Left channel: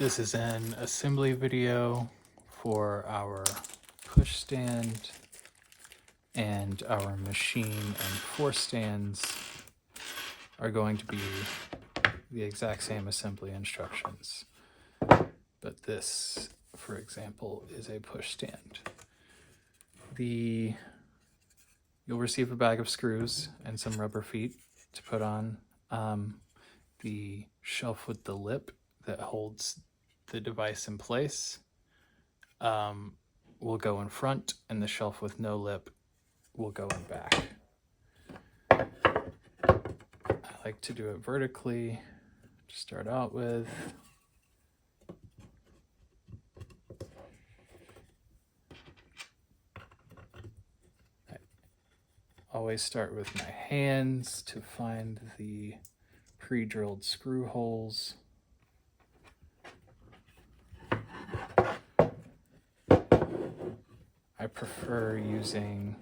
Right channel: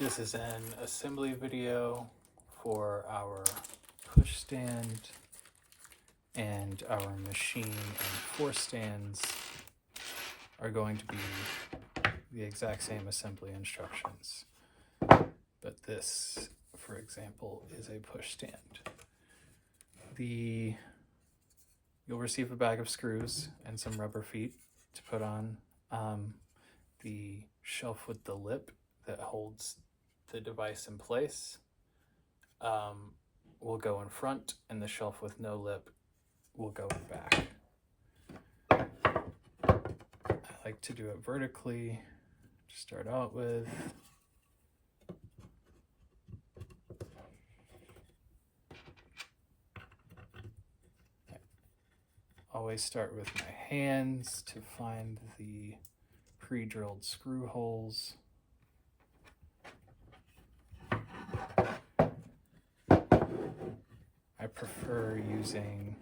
This is an assembly video for our push stand, and our Maschine and Force stands are going to be the exact same assembly instructions. But this, for example, is a push stand. You'll receive a bag of screws and some rubber feet to put on. The shelf with the lip that holds the device in place will go in front, and the shelf with no lip will go in back. I like to do it vertically to start out with. I always start with my hands to find the pre-drilled screw holes. I prefer using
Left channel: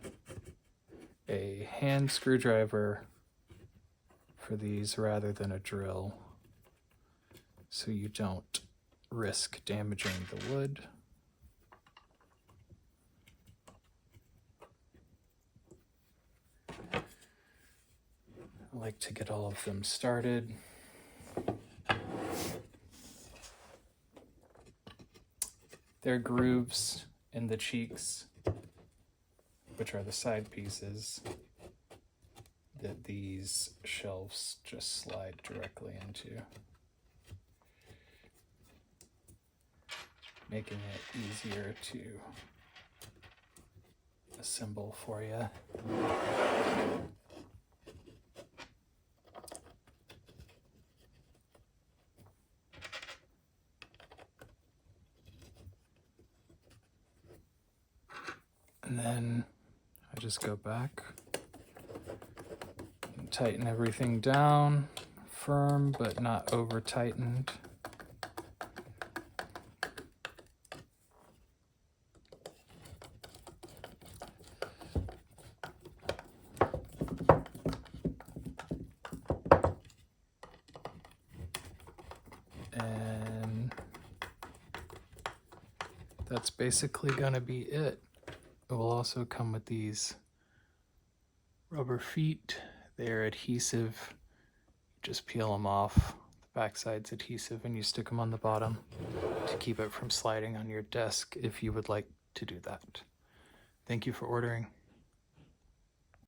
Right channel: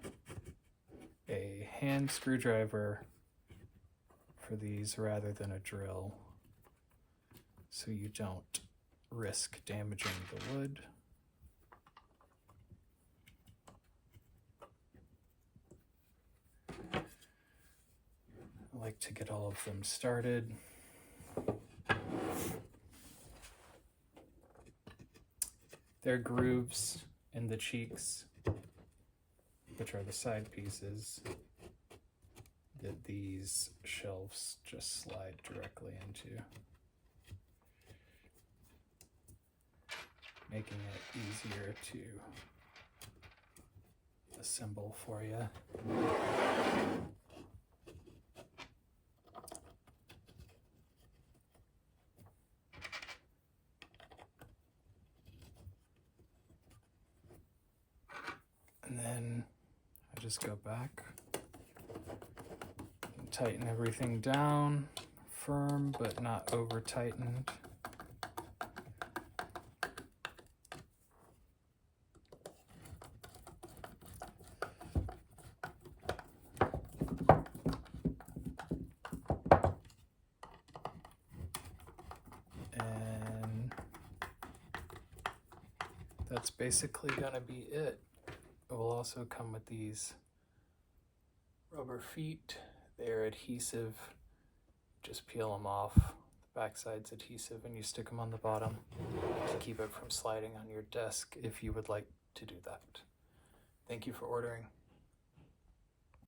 a hand screwdriver for these rather than a drill, so you don't risk damaging the wood. I like to get all of them started. There are grooves in the cheeks, which are the side pieces, that these shelves just slide directly into, making it easier to assemble for you. And then I just go back and tighten everything down, firm but not over tightened. And that's basically going to be it. It will also come with these rubber feet. They're adhesive. Just peel them off. The backside's adhesive, and you stick them on the bottom to keep it from sliding on your desk if you would like to do that. Thank you for ordering.